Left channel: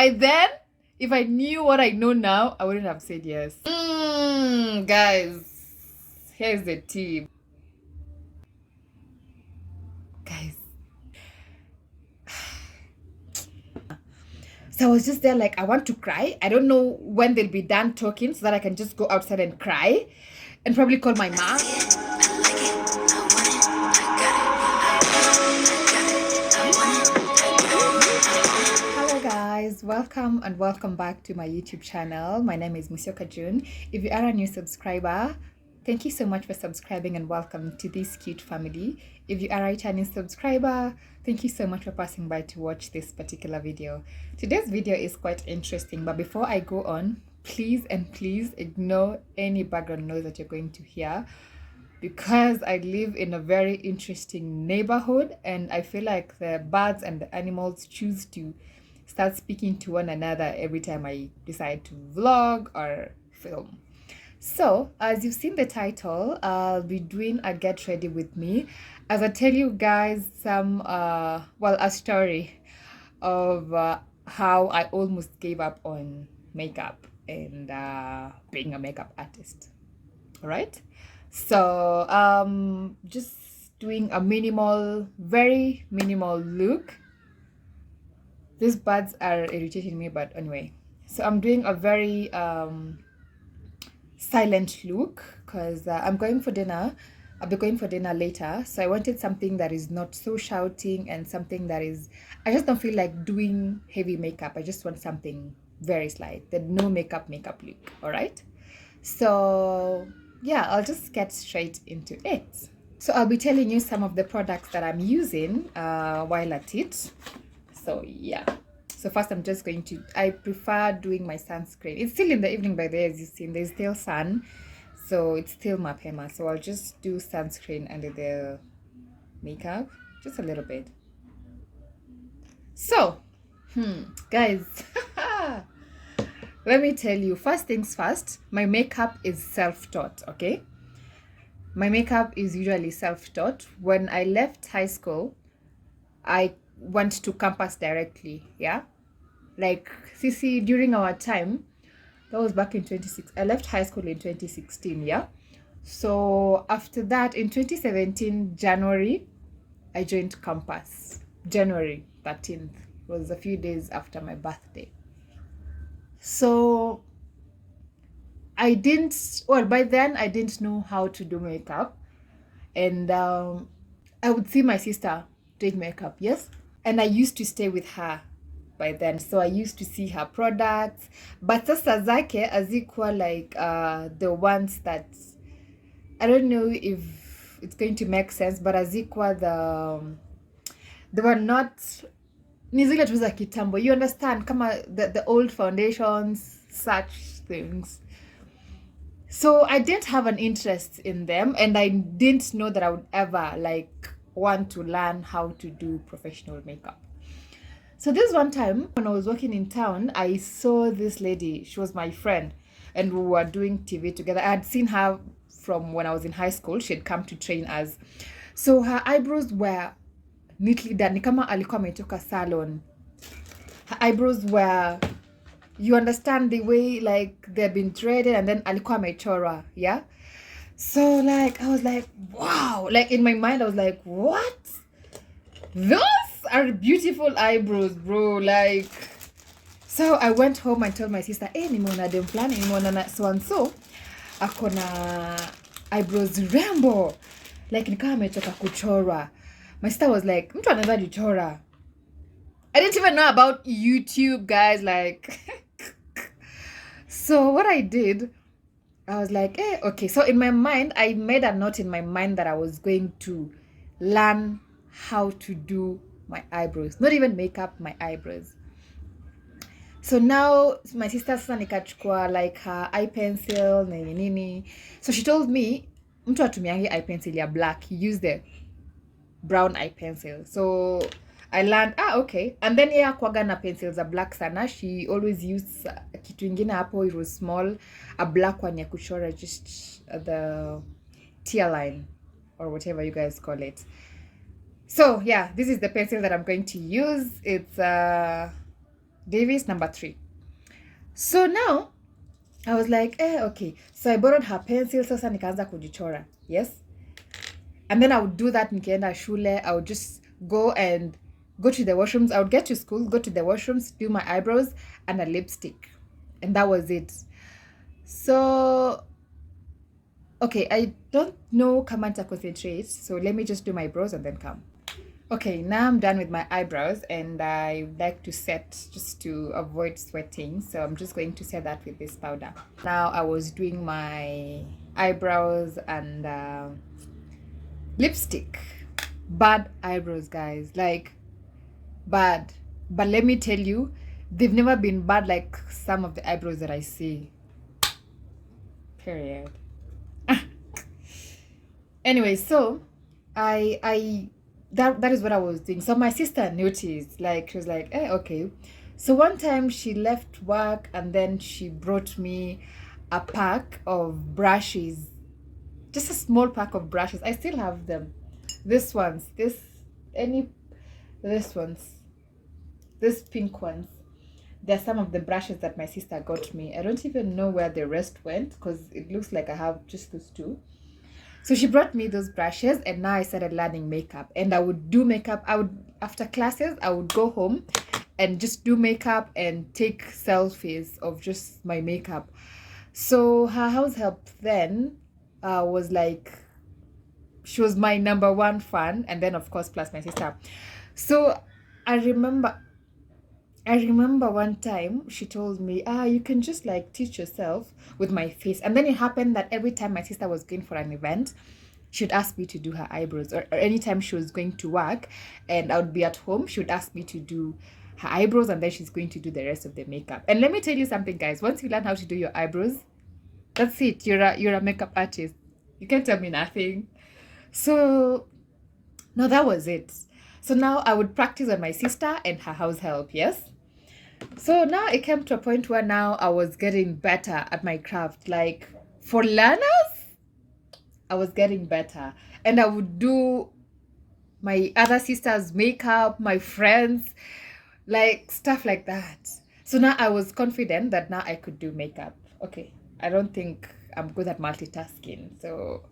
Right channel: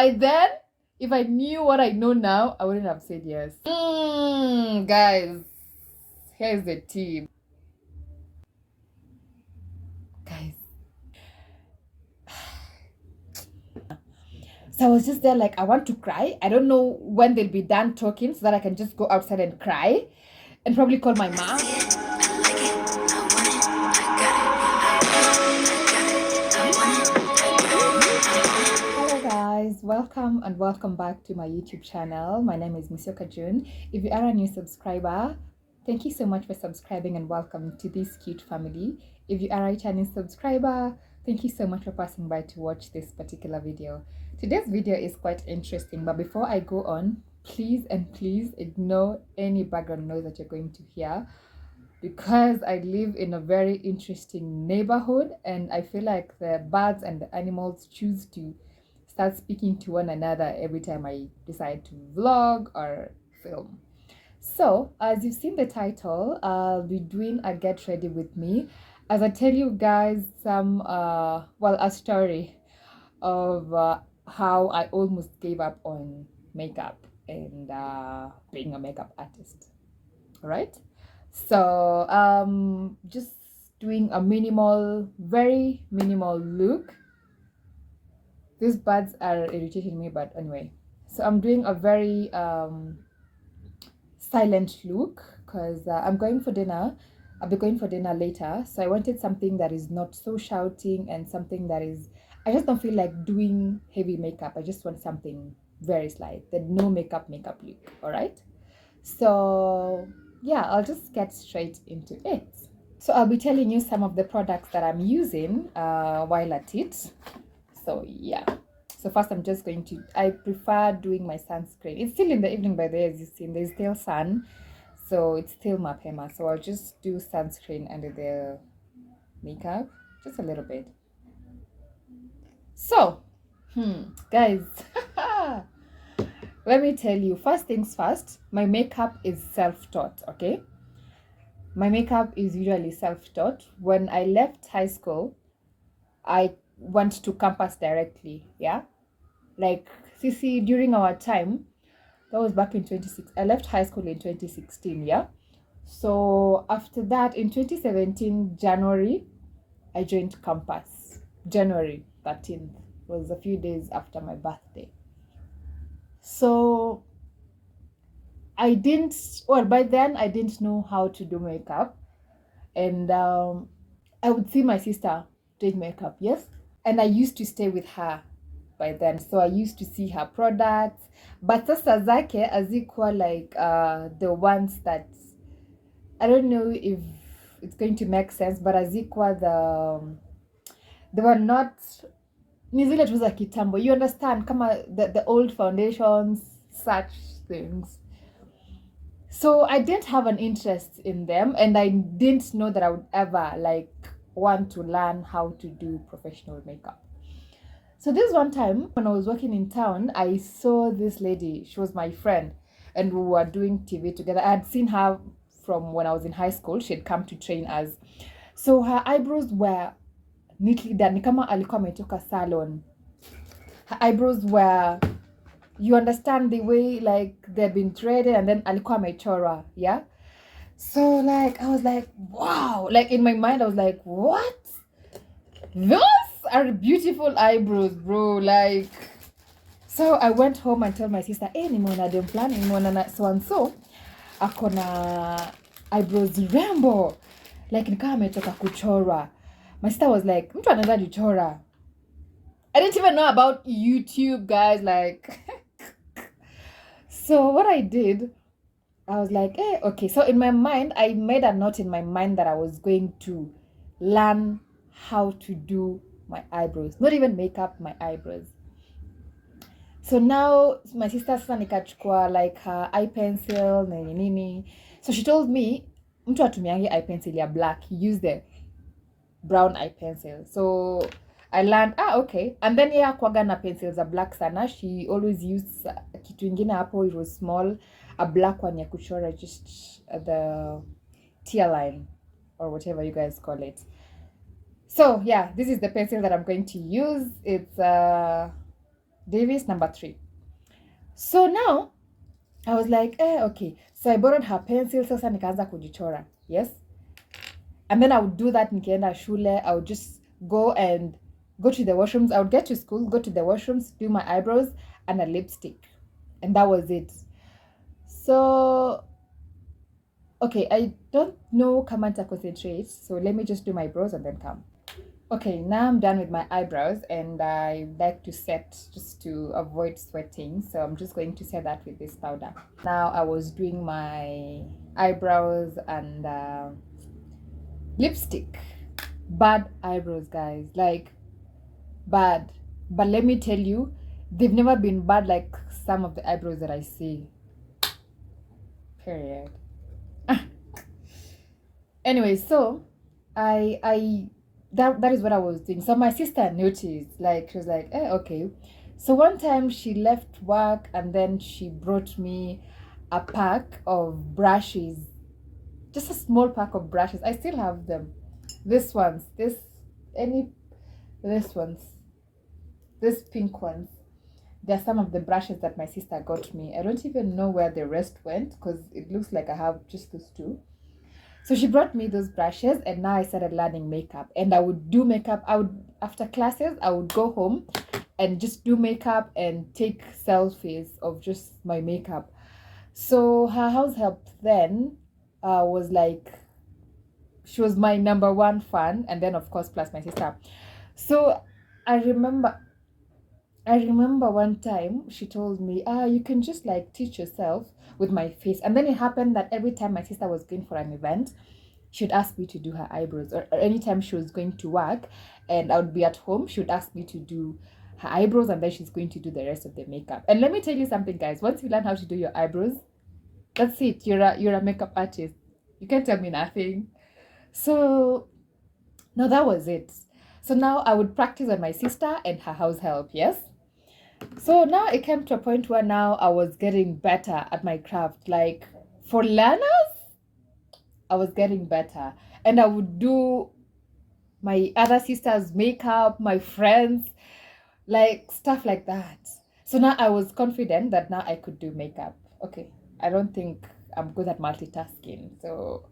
By then, if I knew what I know now, I wouldn't have said yes. Guys, here's the tea. Guys. So I was just there like, I want to cry. I don't know when they'll be done talking so that I can just go outside and cry and probably call my mom. Hello guys, welcome and welcome back to my YouTube channel. My name is CHITCHAT GRWM. If you are a new subscriber, thank you so much for subscribing and welcome to this cute family. If you are a returning subscriber, thank you so much for passing by to watch this particular video. Today's video is quite interesting, but before I go on, please ignore any background noise that you're going to hear, because I live in a very interesting neighborhood and I feel like the birds and the animals choose to start speaking to one another every time I decide to vlog or film. So, as you've seen the title, I'll be doing a get ready with me as I tell you guys some, a story of how I almost gave up on makeup and being a makeup artist. All right? So, just doing a very minimal look. These birds are irritating me, but anyway. So I'm doing a very silent look because I'm going for dinner. I'll be going for dinner later. So I wanted something that is not so shouting and something that is, I just don't feel like doing heavy makeup. I just want something very slight, the no makeup look. All right. So yeah, I'll just get straight into it. So I'll be telling you some of the products that I'm using while at it. So yeah. So first I'm just going to, I prefer doing my sunscreen. It's still in the evening by the way, as you've seen, there's still sun. So it's still mapema. So I'll just do sunscreen under the makeup, just a little bit. So, guys, let me tell you, first things first, my makeup is self-taught, okay? My makeup is usually self-taught. When I left high school, I went to campus directly, yeah? Like, Sisi, during our time, that was back in 2016. I left high school in 2016, yeah? So after that, in 2017, January, I joined campus. January 13th was a few days after my birthday. So by then I didn't know how to do makeup. And I would see my sister doing makeup, yes? And I used to stay with her by then. So I used to see her products. But sasa zake hazikuwa like the ones that, I don't know if it's going to make sense, but hazikuwa they were not, ni zile tu za kitambo. You understand? Kama the old foundations, such things. So I didn't have an interest in them, and I didn't know that I would ever like want to learn how to do professional makeup. So this one time when I was working in town, I saw this lady. She was my friend and we were doing TV together. I had seen her from when I was in high school. She had come to train us. So her eyebrows were neatly done. Ni kama alikuwa ametoka salon. Her eyebrows were, you understand, the way like they've been threaded and then alikuwa amechora, yeah? So like I was like, wow. Like in my mind I was like, what? Those are beautiful eyebrows, bro. Like, so I went home and told my sister, hey, nimeona dem fulani, nimeona na so and so akona eyebrows rembo, like nikama ametoka kuchora. My sister was like, mtu anaweza jichora. I didn't even know about YouTube, guys. Like, so what I did, I was like, okay. So in my mind, I made a note in my mind that I was going to learn how to do my eyebrows, not even makeup, my eyebrows. So now my sister sasa nikachukua like her eye pencil nini. So she told me mtu atumiangi eye pencil ya black, he used the brown eye pencil. So I learned, okay. And then yeah, kwaga na pencils are black sana. She always used kitu ingine hapo, it was small, a black one ya kuchora, just the tear line or whatever you guys call it. So yeah, this is the pencil that I'm going to use. It's Davis number 3. So now I was like, okay. So I borrowed her pencil, sasa nikaanza kujichora. Yes. And then I would do that nikienda shule. I would just go to the washrooms. I would get to school, go to the washrooms, do my eyebrows and a lipstick. And that was it. So, okay, I don't know kama nita concentrate. So let me just do my brows and then come. Okay, now I'm done with my eyebrows and I like to set just to avoid sweating. So I'm just going to set that with this powder. Now I was doing my eyebrows and lipstick. Bad eyebrows, guys. Like, bad. But let me tell you, they've never been bad like some of the eyebrows that I see. Period. Anyway, so that is what I was doing. So my sister noticed, like she was like, okay. So one time she left work and then she brought me a pack of brushes, just a small pack of brushes. I still have them. This ones, this pink ones. They're some of the brushes that my sister got me. I don't even know where the rest went because it looks like I have just those 2. So she brought me those brushes and now I started learning makeup. And I would do makeup. After classes, I would go home and just do makeup and take selfies of just my makeup. So her house help then was like, she was my number 1 fan. And then of course, plus my sister. So I remember one time she told me, you can just like teach yourself with my face. And then it happened that every time my sister was going for an event, she'd ask me to do her eyebrows, or anytime she was going to work and I would be at home, she would ask me to do her eyebrows and then she's going to do the rest of the makeup. And let me tell you something, guys, once you learn how to do your eyebrows, that's it. You're a makeup artist. You can't tell me nothing. So no, that was it. So now I would practice on my sister and her house help, yes? So now it came to a point where now I was getting better at my craft. Like for learners, I was getting better. And I would do my other sister's makeup, my friends, like stuff like that. So now I was confident that now I could do makeup. Okay, I don't think I'm good at multitasking. So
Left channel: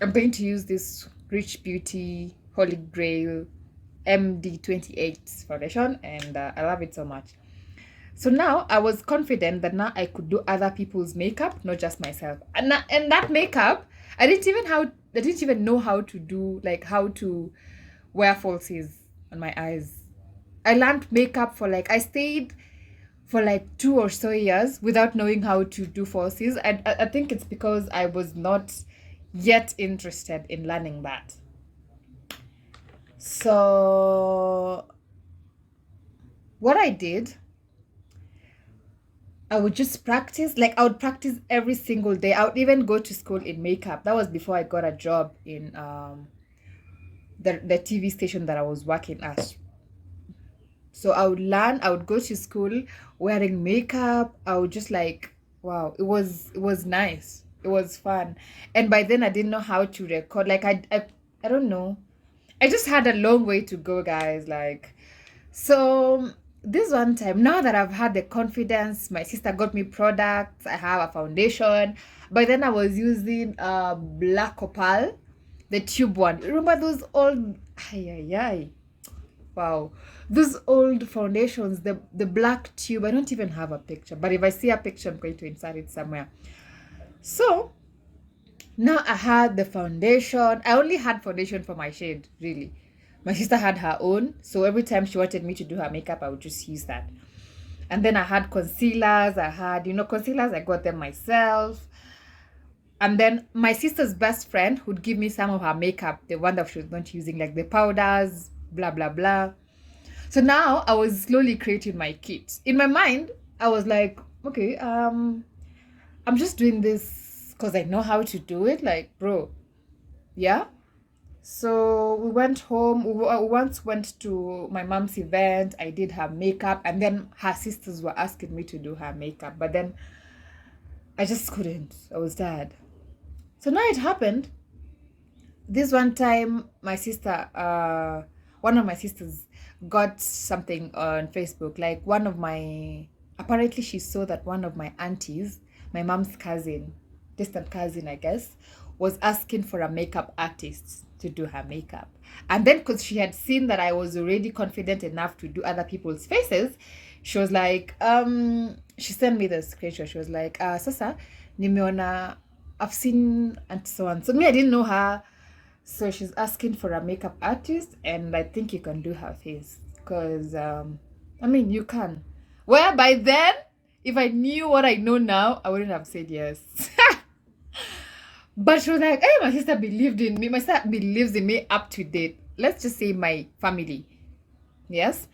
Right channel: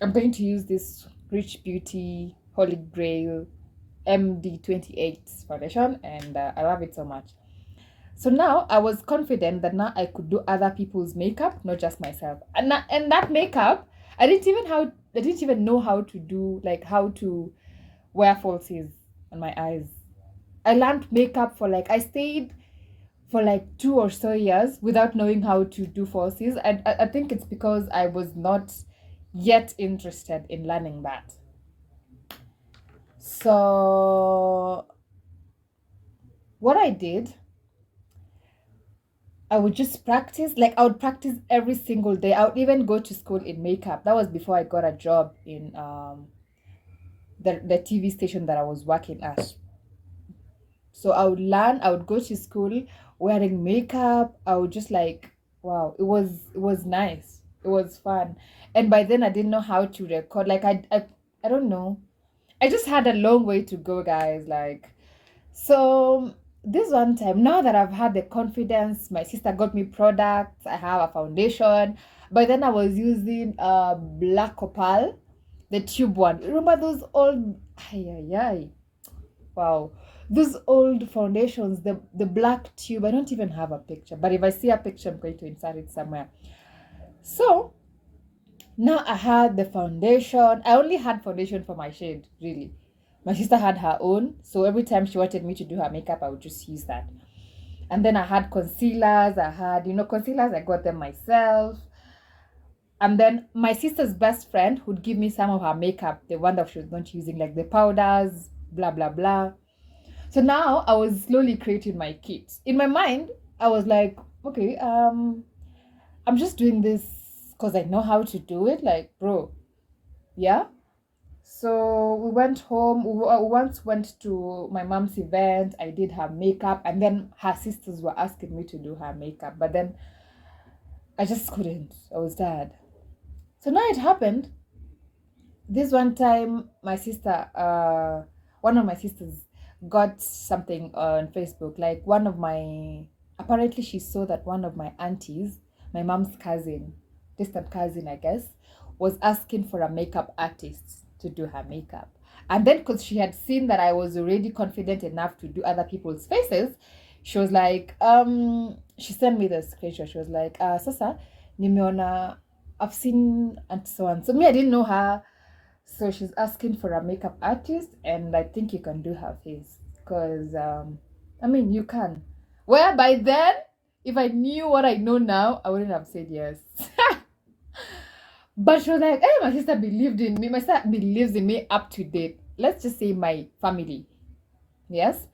I'm going to use this Rich Beauty Holy Grail MD28 foundation and I love it so much. So now I was confident that now I could do other people's makeup, not just myself. And that makeup, I didn't even know how to do, like how to wear falsies on my eyes. I learned makeup I stayed for like 2 or so years without knowing how to do falsies. And I think it's because I was not yet interested in learning that. So what I did, I would just practice. Like I would practice every single day. I would even go to school in makeup. That was before I got a job in the TV station that I was working at. So I would learn. I would go to school wearing makeup. I would just like, wow, it was nice. It was fun. And by then I didn't know how to record. Like I don't know. I just had a long way to go, guys. Like, so this one time, now that I've had the confidence, my sister got me products. I have a foundation. By then I was using Black Opal, the tube one. Remember those old, wow, those old foundations, the black tube. I don't even have a picture, but if I see a picture, I'm going to insert it somewhere. So now I had the foundation. I only had foundation for my shade, really. My sister had her own, so every time she wanted me to do her makeup, I would just use that. And then I had concealers. Concealers, I got them myself. And then my sister's best friend would give me some of her makeup, the one that she was not using, like the powders, blah, blah, blah. So now I was slowly creating my kit. In my mind, I was like, okay, I'm just doing this because I know how to do it. Like, bro, yeah. So we went home. We once went to my mom's event. I did her makeup, and then her sisters were asking me to do her makeup, but then I just couldn't. I was tired. So now it happened. This one time, my sister, one of my sisters, got something on Facebook. Like apparently she saw that one of my aunties, my mom's cousin, distant cousin, I guess, was asking for a makeup artist to do her makeup. And then because she had seen that I was already confident enough to do other people's faces, she was like, she sent me the screenshot. She was like, Sasa, nimeona, I've seen and so on. So me, I didn't know her. So she's asking for a makeup artist, and I think you can do her face. Because, you can. Well, by then, if I knew what I know now, I wouldn't have said yes. But she was like, hey, my sister believed in me. My sister believes in me up to date. Let's just say my family. Yes?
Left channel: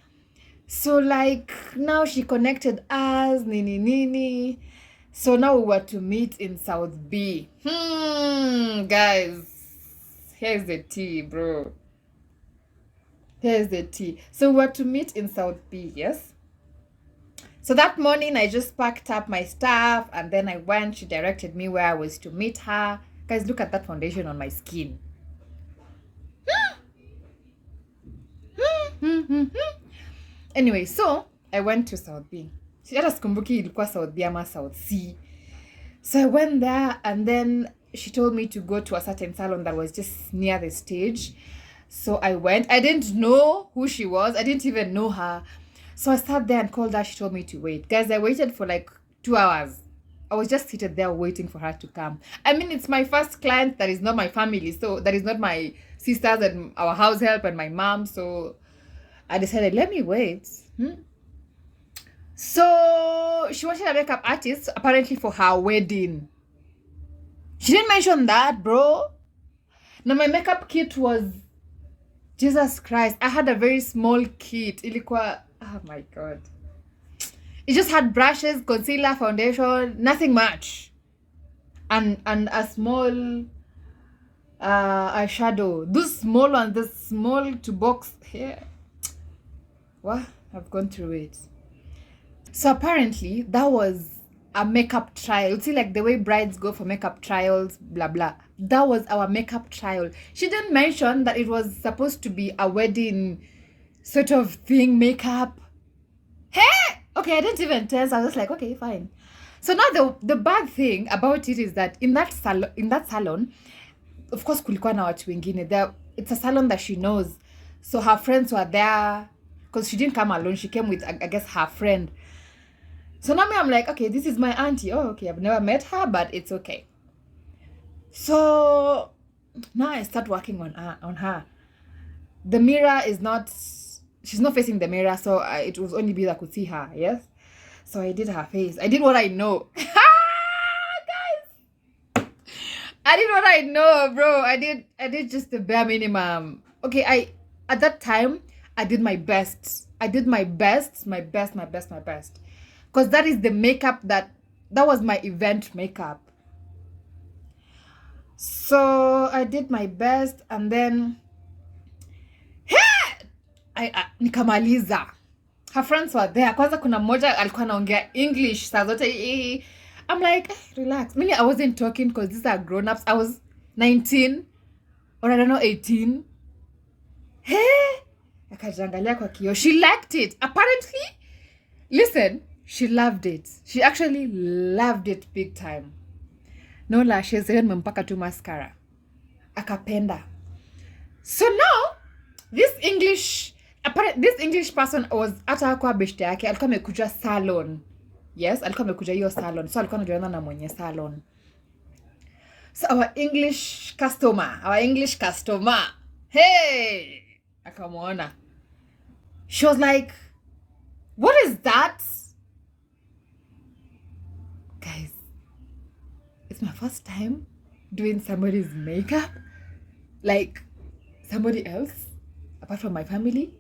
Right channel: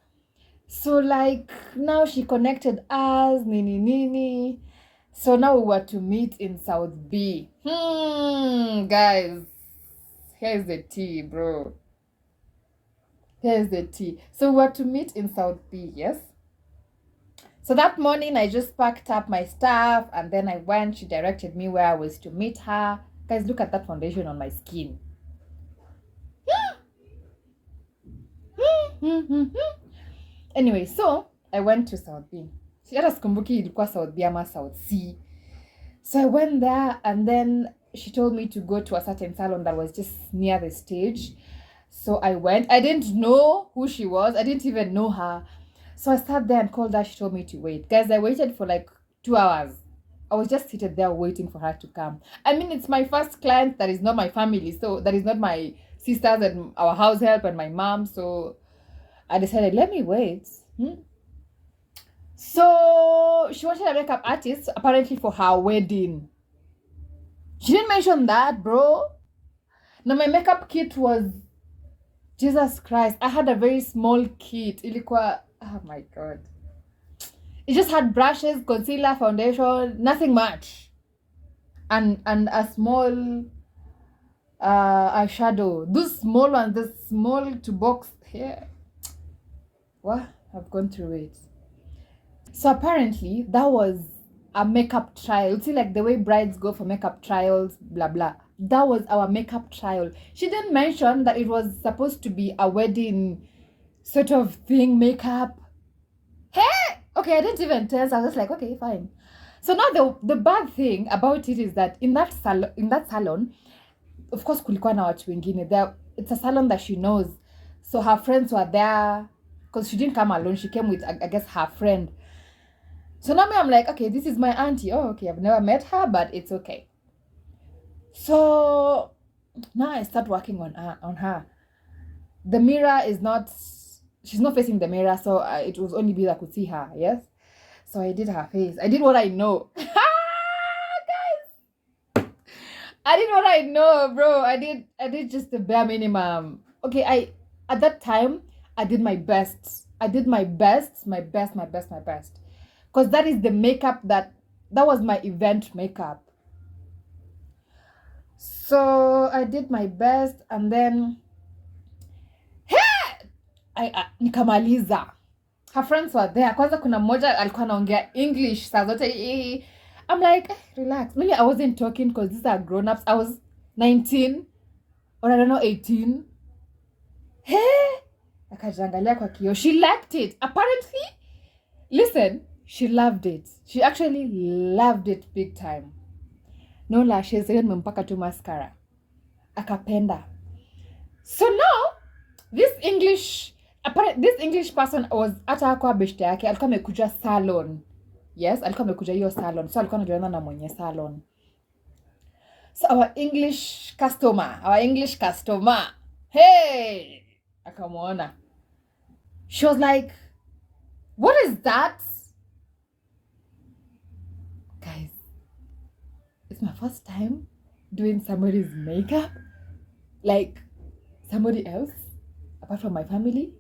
So, like, now she connected us, nini. So now we were to meet in South B. Guys, here's the tea, bro. Here's the tea. So we were to meet in South B, yes? So that morning, I just packed up my stuff and then I went. She directed me where I was to meet her. Guys, look at that foundation on my skin. Anyway, so I went to South B. Hata sikumbuki ilikuwa South B ama South C. So I went there and then she told me to go to a certain salon that was just near the stage. So I went. I didn't know who she was. I didn't even know her. So I sat there and called her. She told me to wait. Guys, I waited for like 2 hours. I was just seated there waiting for her to come. I mean, it's my first client that is not my family. So that is not my sisters and our house help and my mom. So I decided, let me wait. So she wanted a makeup artist apparently for her wedding. She didn't mention that, bro. Now my makeup kit was, Jesus Christ, I had a very small kit. Ilikuwa, oh my God. It just had brushes, concealer, foundation, nothing much. And a small eyeshadow. Those small ones, the small to box here. What? I've gone through it. So apparently that was a makeup trial. See, like the way brides go for makeup trials, blah, blah. That was our makeup trial. She didn't mention that it was supposed to be a wedding sort of thing, makeup. Hey! Okay, I didn't even tell. So I was like, okay, fine. So now the bad thing about it is that in that salon, of course, kulikuwa na watu wengine there. It's a salon that she knows. So her friends were there. Because she didn't come alone. She came with, I guess, her friend. So now I'm like, okay, this is my auntie. Oh, okay, I've never met her, but it's okay. So now I start working on her. The mirror is not, she's not facing the mirror, so it was only me that could see her, yes? So I did her face. I did what I know. Guys! I did what I know, bro. I did just the bare minimum. Okay, at that time, I did my best. I did my best. Because that is the makeup that was my event makeup. So I did my best and then nikamaliza. Her friends were there. Kwanza kuna mmoja alikuwa anaongea English saa zote. I'm like, relax. Maybe I wasn't talking because these are grown-ups. I was 19 or I don't know, 18. Akajangalia kwa kioo. She liked it. Apparently, listen, she loved it. She actually loved it big time. No lashes, mpaka tu mascara. Akapenda. So now, this English person was hata kwa beshte yake, alikuwa amekuja salon. Yes, alikuwa amekuja hiyo salon. So alikuwa anajuana na mwenye salon. So our English customer. Hey! Akamwona. She was like, what is that? Guys, it's my first time doing somebody's makeup. Like, somebody else, apart from my family.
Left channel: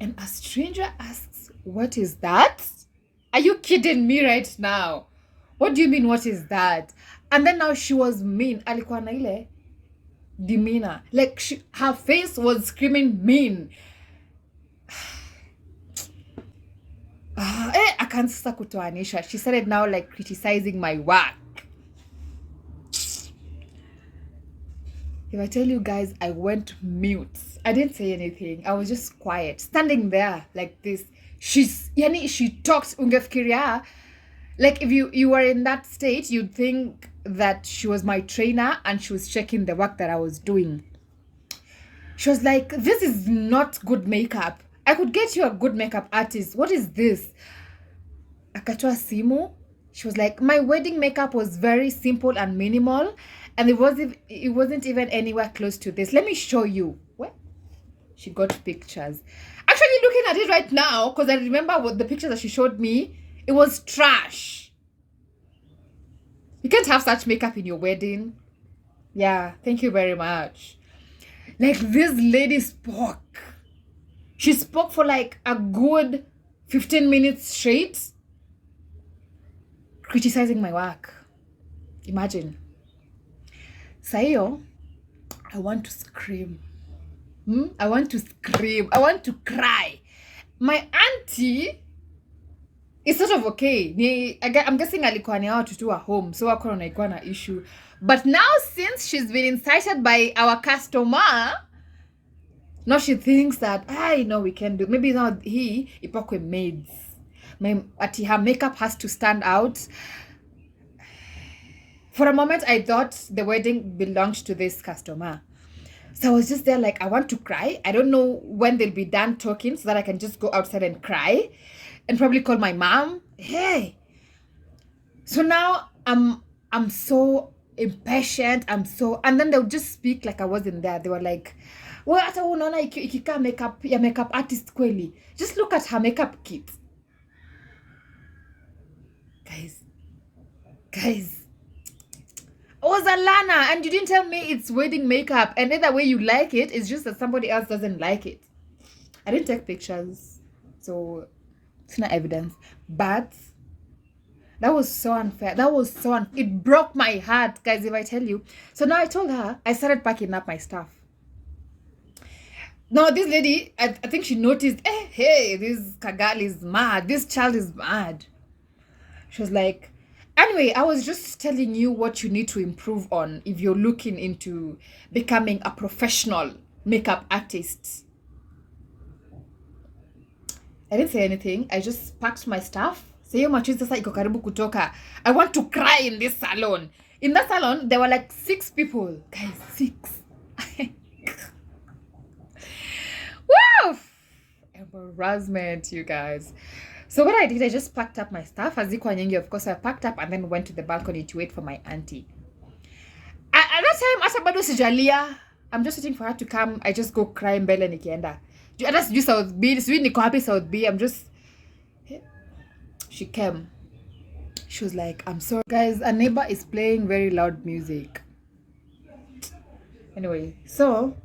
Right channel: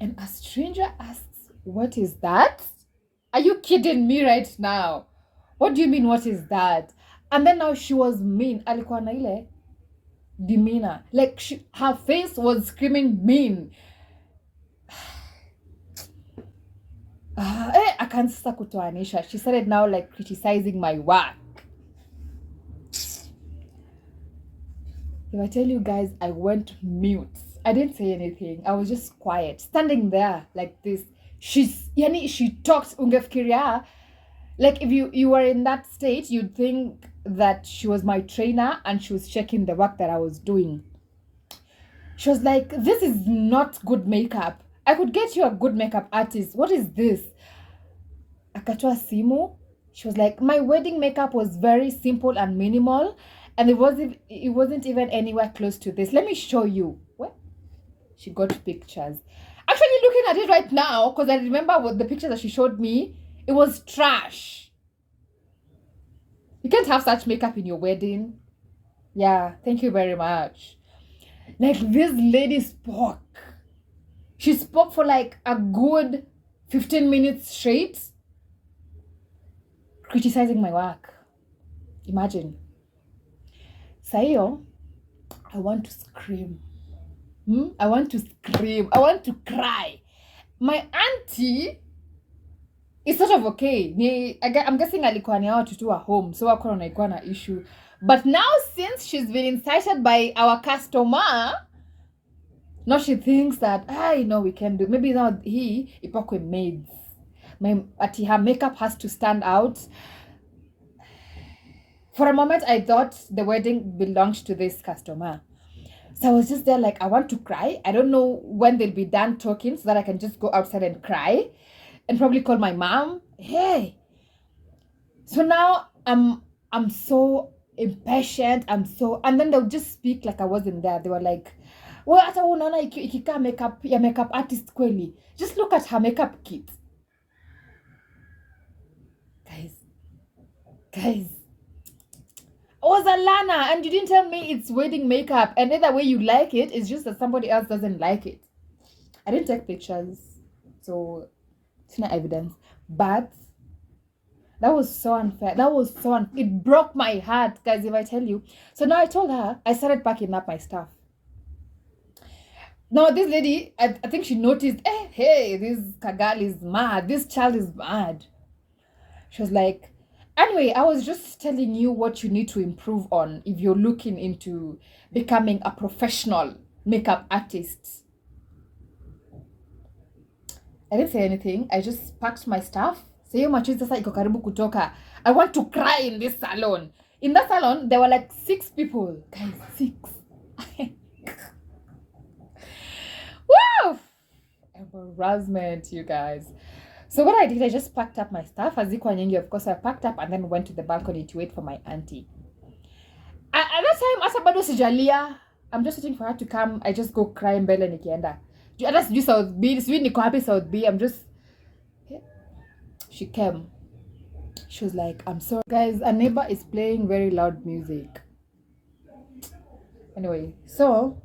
And a stranger asks, what is that? Are you kidding me right now? What do you mean, what is that? And then now she was mean. Alikuwa na ile demeanor. Like, her face was screaming mean. Akaanza kutoanisha. She started now like criticizing my work. If I tell you guys, I went mute. I didn't say anything. I was just quiet, standing there like this. She talks ungefikiria. Like if you were in that state, you'd think that she was my trainer and she was checking the work that I was doing. She was like, this is not good makeup. I could get you a good makeup artist. What is this? Akatoa simu. She was like, my wedding makeup was very simple and minimal, and it wasn't even anywhere close to this. Let me show you. What? She got pictures. Actually, looking at it right now, because I remember what the picture that she showed me, it was trash. You can't have such makeup in your wedding. Yeah, thank you very much. Like, this lady spoke. She spoke for like a good 15 minutes straight, criticizing my work. Imagine. Sayo, I want to scream. I want to scream. I want to cry. My auntie is sort of okay. I'm guessing alikuwa ni hao tutu wa home, so wako wanaikuwa na issue. But now, since she's been incited by our customer, now she thinks that, I know we can do. Maybe now ipakwe maids. Her makeup has to stand out. For a moment, I thought the wedding belonged to this customer. So I was just there like, I want to cry. I don't know when they'll be done talking so that I can just go outside and cry and probably call my mom. Hey. So now I'm so impatient. And then they'll just speak like I wasn't there. They were like, well, hata unaona ikikaa makeup artist kweli. Just look at her makeup kit. Guys. Oh, Zalana, and you didn't tell me it's wedding makeup, and either way you like it, it's just that somebody else doesn't like it. I didn't take pictures, so it's not evidence. But that was so unfair. It broke my heart, guys, if I tell you. So now I told her, I started packing up my stuff. Now this lady, I think she noticed, hey, this Kagal is mad. This child is mad. She was like, anyway, I was just telling you what you need to improve on if you're looking into becoming a professional makeup artist. I didn't say anything. I just packed my stuff. Sayo machizi sasa iko karibu kutoka. I want to cry in this salon. In that salon, there were like 6 people. Guys, 6. Wow! Embarrassment, you guys. So what I did, I just packed up my stuff. Hazikuwa nyingi, of course, I packed up and then went to the balcony to wait for my auntie. At that time, asa bado sijalia. I'm just waiting for her to come. I just go cry mbele nikienda. That's just South B. Sweet niko happy South B. She came. She was like, I'm sorry. Guys, a neighbor is playing very loud music. Anyway, so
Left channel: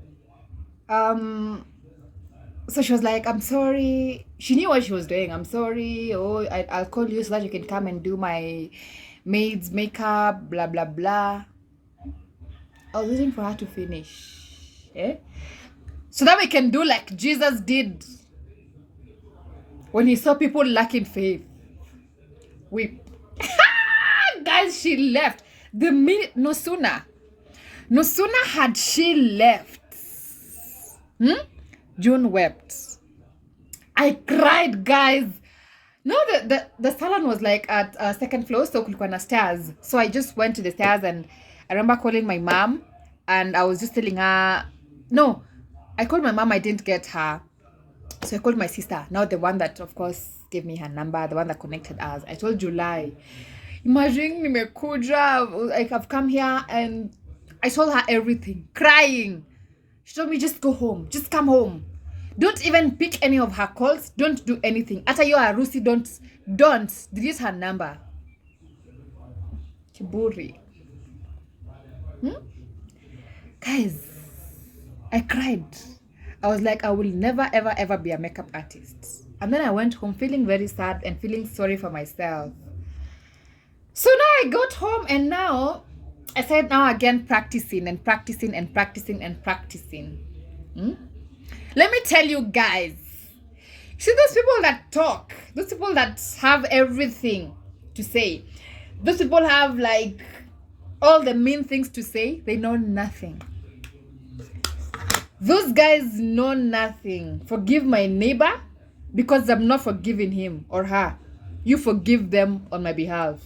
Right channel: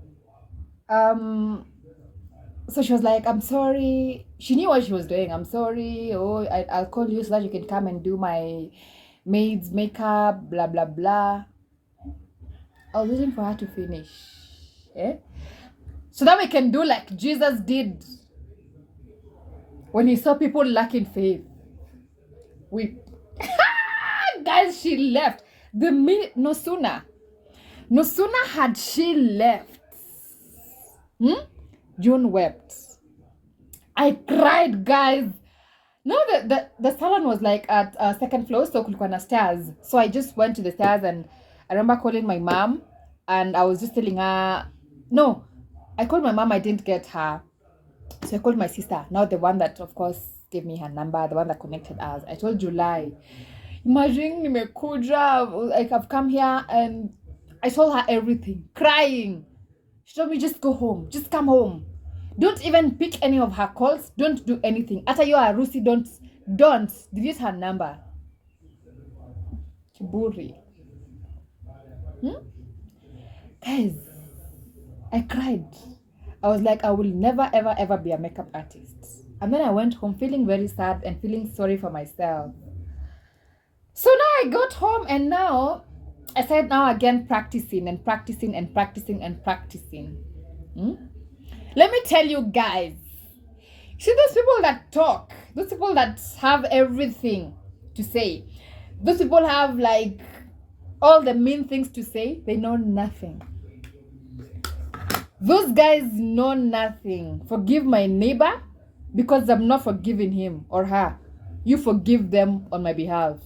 she was like, I'm sorry. She knew what she was doing. I'm sorry. Oh, I'll call you so that you can come and do my maid's makeup, blah, blah, blah. I was waiting for her to finish. So that we can do like Jesus did when he saw people lacking faith. Weep. Guys, she left. The minute, no sooner had she left. June wept. I cried, guys. No, the salon was like at second floor, so kulikuwa na stairs. So I just went to the stairs and I remember calling my mom and I was just telling her, no, I called my mom, I didn't get her. So I called my sister, now the one that of course gave me her number, the one that connected us. I told July, imagine nimekuja, like I've come here, and I told her everything, crying. She told me, just go home, just come home. Don't even pick any of her calls. Don't do anything. Ata yo harusi, don't delete her number. Kiburi. Guys, I cried. I was like, I will never, ever, ever be a makeup artist. And then I went home feeling very sad and feeling sorry for myself. So now I got home and now I started now again practicing and practicing and practicing and practicing. Let me tell you guys, see those people that talk, those people that have everything to say, those people have like all the mean things to say, they know nothing. Those guys know nothing. Forgive my neighbor because I'm not forgiving him or her. You forgive them on my behalf.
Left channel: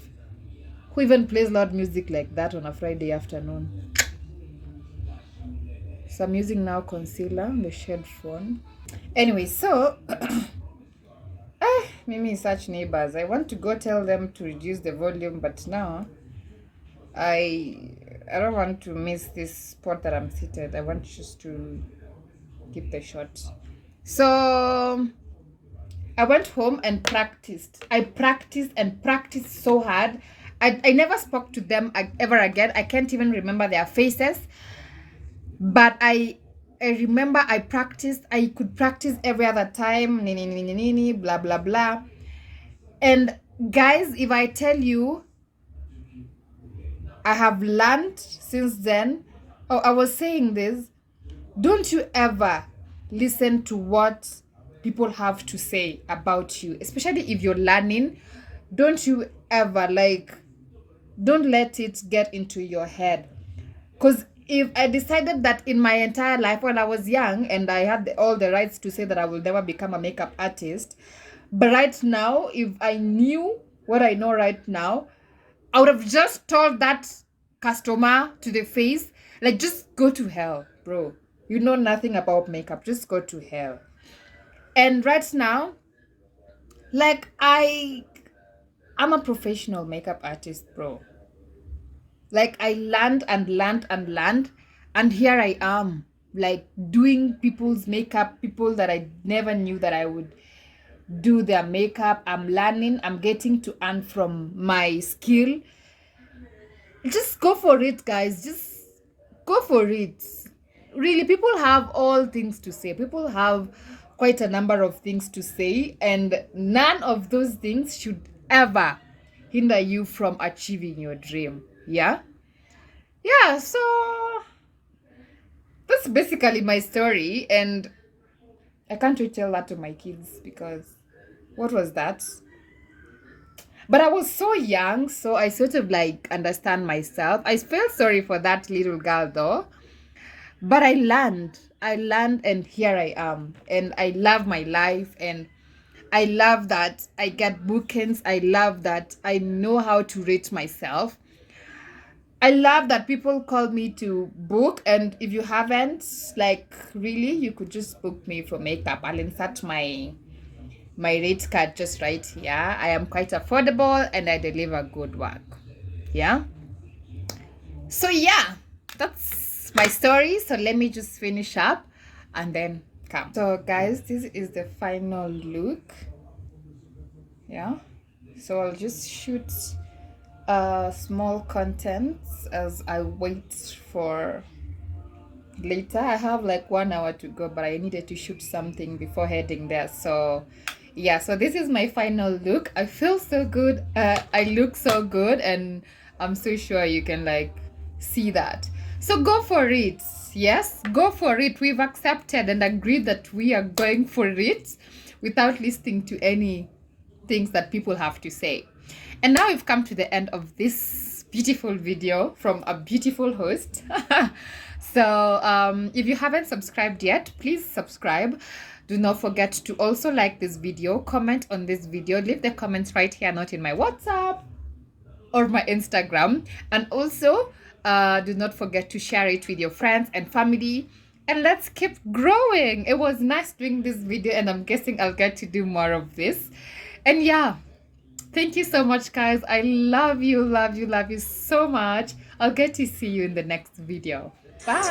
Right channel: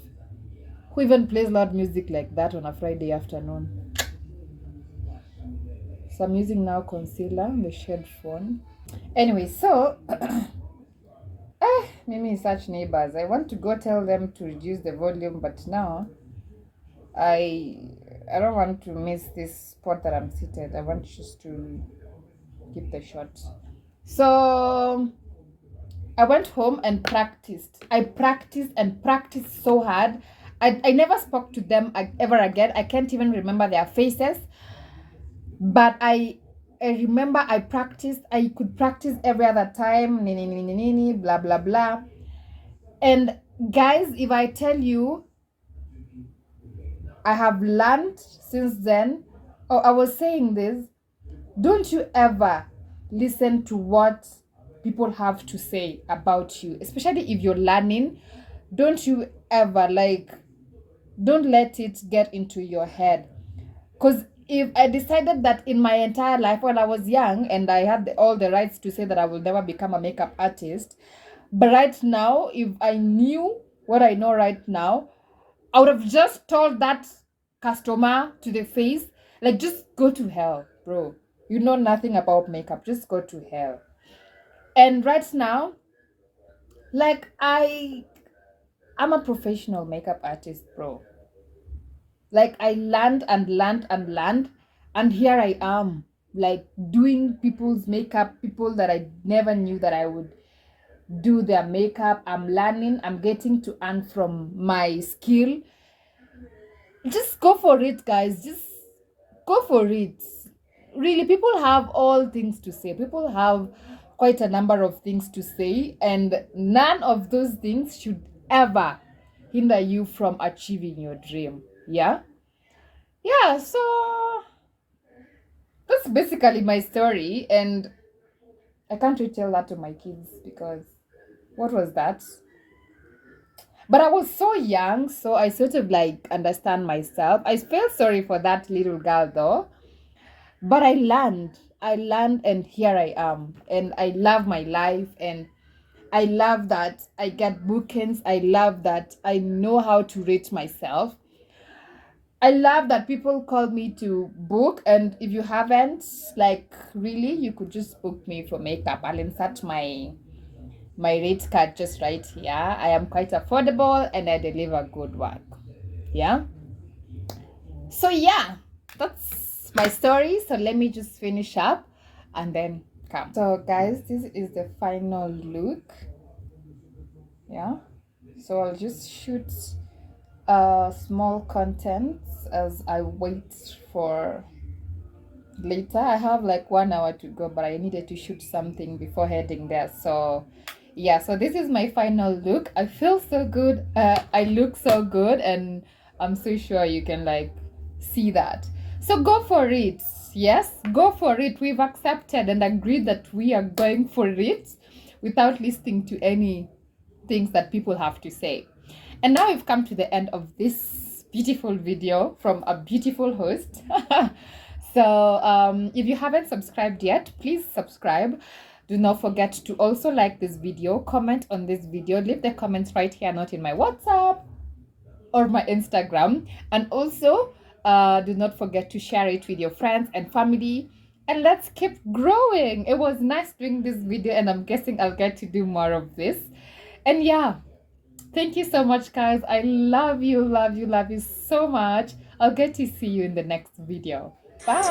Who even plays loud music like that on a Friday afternoon? So I'm using now concealer on the shade phone. Anyway, so Mimi such neighbors. I want to go tell them to reduce the volume, but now I don't want to miss this spot that I'm seated. I want just to keep the shot. So I went home and practiced. I practiced and practiced so hard. I never spoke to them ever again. I can't even remember their faces. But I remember I practiced. I could practice every other time. Blah, blah, blah. And guys, if I tell you, I have learned since then. Oh, I was saying this. Don't you ever listen to what people have to say about you, especially if you're learning. Don't you ever, don't let it get into your head. Because if I decided that in my entire life when I was young and I had all the rights to say that I will never become a makeup artist, but right now, if I knew what I know right now, I would have just told that customer to the face, like, just go to hell, bro. You know nothing about makeup. Just go to hell. And right now, like, I'm a professional makeup artist, bro. Like, I learned and learned and learned, and here I am, like, doing people's makeup, people that I never knew that I would do their makeup. I'm learning, I'm getting to earn from my skill. Just go for it, guys. Just go for it. Really, people have all things to say. People have quite a number of things to say, and none of those things should ever hinder you from achieving your dream. Yeah? Yeah, so that's basically my story, and I can't really tell that to my kids because what was that? But I was so young, so I sort of like understand myself. I feel sorry for that little girl though. But I learned, and here I am. And I love my life, and I love that I get bookings. I love that I know how to rate myself. I love that people call me to book, and if you haven't, like, really, you could just book me for makeup. I'll insert my rate card just right here. I am quite affordable and I deliver good work. Yeah. So yeah, that's my story. So let me just finish up and then come. So guys, this is the final look. Yeah. So I'll just shoot small contents as I wait for later. I have like 1 hour to go, but I needed to shoot something before heading there. So yeah, so this is my final look. I feel so good. I look so good, and I'm so sure you can like see that. So go for it. Yes, go for it. We've accepted and agreed that we are going for it without listening to any things that people have to say. And now we've come to the end of this beautiful video from a beautiful host. So if you haven't subscribed yet, please subscribe. Do not forget to also like this video, comment on this video, leave the comments right here, not in my WhatsApp or my Instagram. And also do not forget to share it with your friends and family. And let's keep growing. It was nice doing this video, and I'm guessing I'll get to do more of this. And yeah, thank you so much, guys. I love you, love you, love you so much. I'll get to see you in the next video. Bye.